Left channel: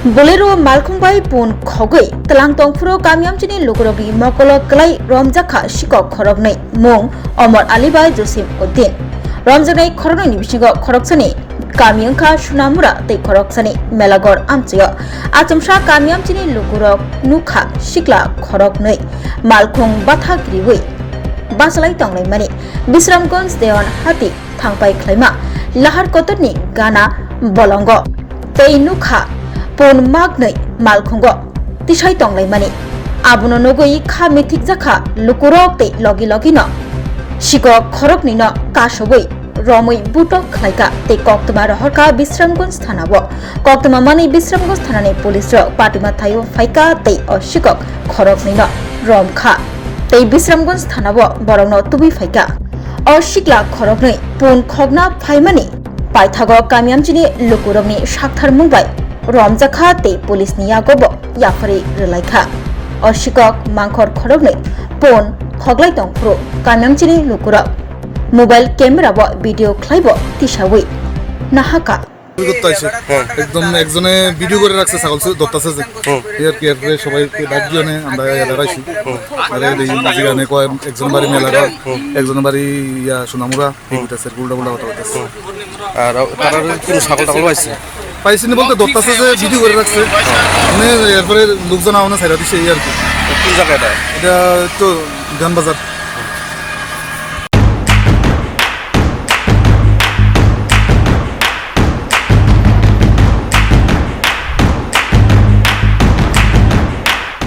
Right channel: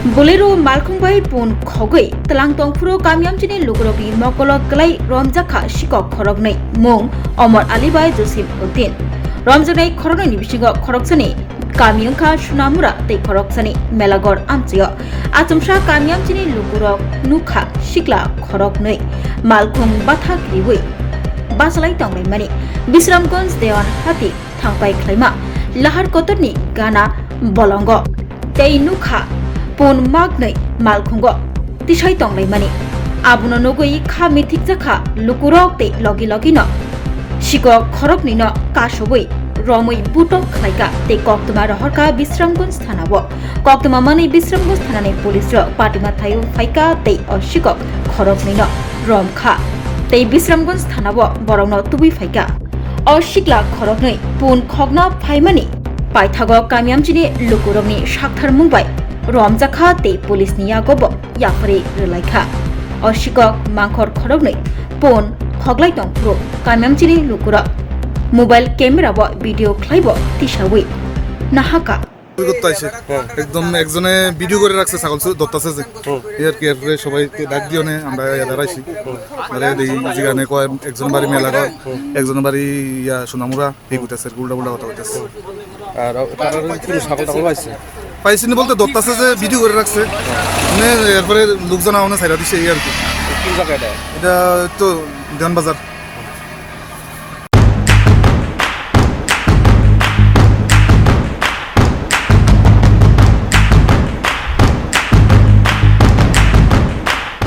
Bolero Malkhungbai pun Khogwi Twlangphuru kami Amchaini lukurokni mokolo klai Romjakkha sikok khorognai mung Omar Alibai Josim Uddin Romjaknai khorognai bisingo khoroksani kami wngkha Sunamura tei khoroksani Melagor Amchaio Achomsa kami Amchaini lukurok nukha sikla khorognai Malkhung batha kriwi basalai tongnai mani Bisramganj Dewanbazaro thangpai khlaima lahar kotorni gana bolongo tei nukha pon magnai malkhungo tisai tonglai mani abono nogoi kha mithik jakha lukurok tei logi logi no siko khorok ni no kasoboi romoi butok khlaika tei koktoma rohorka Bisramganj thanao koktoma mani Bisramganj thanani police ro patima thayo phaika tei osikok khorok ni no romkha tei Bisramganj thanao borokno tubi phaika osikla khorok nei pon khogna phaimani paithago kami Amchaini lukurokni sakthar mungbai Romjakkha tei police ni yagobo yapari relaikha osikok mangkhor khorognai pon khoglai tongphuru kami Amchaini lukurok mobile camera bo video khlaibo tisawi nahaka একদম একজনে video করে রাখছে ছাগল ধরতেছে যে এর কি আর সবাই ডাক দিয়ে আমরা দাঁড়াইছি আরে যেখানে কয় একজন বাড়ি মেলাগড় একজন বাড়ি ইয়া সোনামুরা এই হইতেছে উল্টা উল্টা কথা হইতেছে আর তারা কি ছাগল টাগল পাইছে পাইছিনি বলতে ধরতেছে যে ভিডিও করে রাখছে মানে এরপরে লোকজন আওনা ছাইরা দিছে এই আর কি কোন জায়গাটা এটা তো দেওয়ানবাজার